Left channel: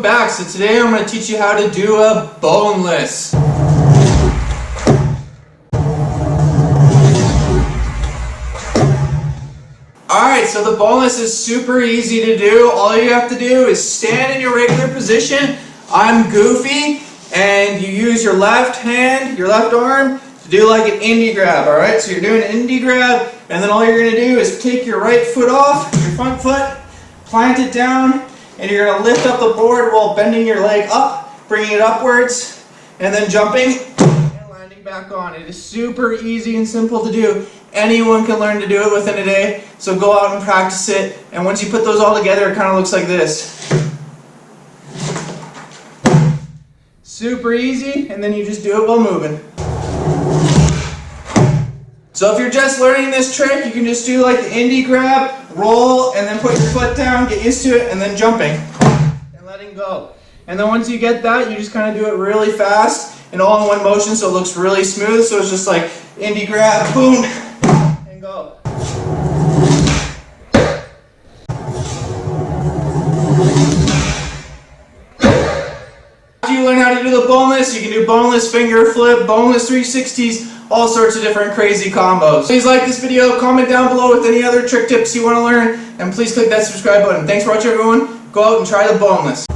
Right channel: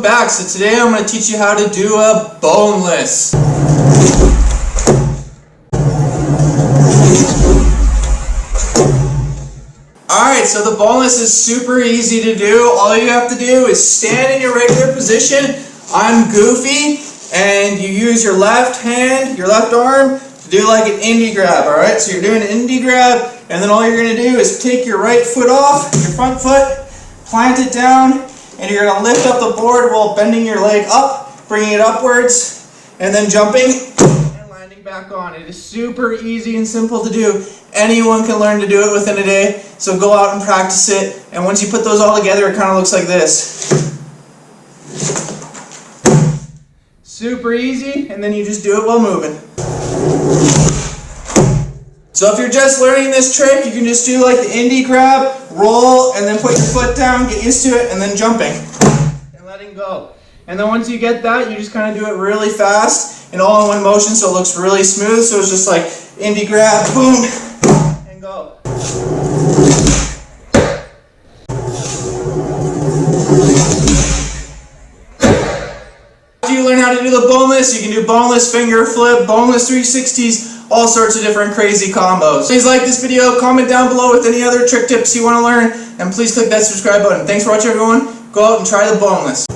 welcome back. So today I'm going to teach you how to do a boneless. Alright, so the boneless is super easy to do. All you have to do is stand in your regular position. I'm goofy, and you use your left hand, your left arm, to do like an indie grab, alright? So you're doing an indie grab, and then all you're going to do is take your right foot off, your front foot, plant it down, and you're going to lift up the board while bending your leg up, bringing it upwards, and then jumping and landing back on. It is super easy and simple to do. Anyone can learn to do it within a day, so go out and practice it. And once you put those all together, it kind of looks like this. Super easy, and then you just do it while moving. So if you're just learning this trick, you can just do like the indie grab, roll, and then put your foot down, get used to it, and then jumping and letting go. And then once you get that, you just kind of do it really fast and all in one motion, so it looks really smooth. So it's just like indie grab, boom, and go. After you learn how to do the boneless, you can do boneless finger flip, boneless 360s, all sorts of different crazy combos. Please like this video, comment down below with any other trick tips you want to learn, and please click that subscribe button. Thanks for watching, everyone. Go out and try the boneless.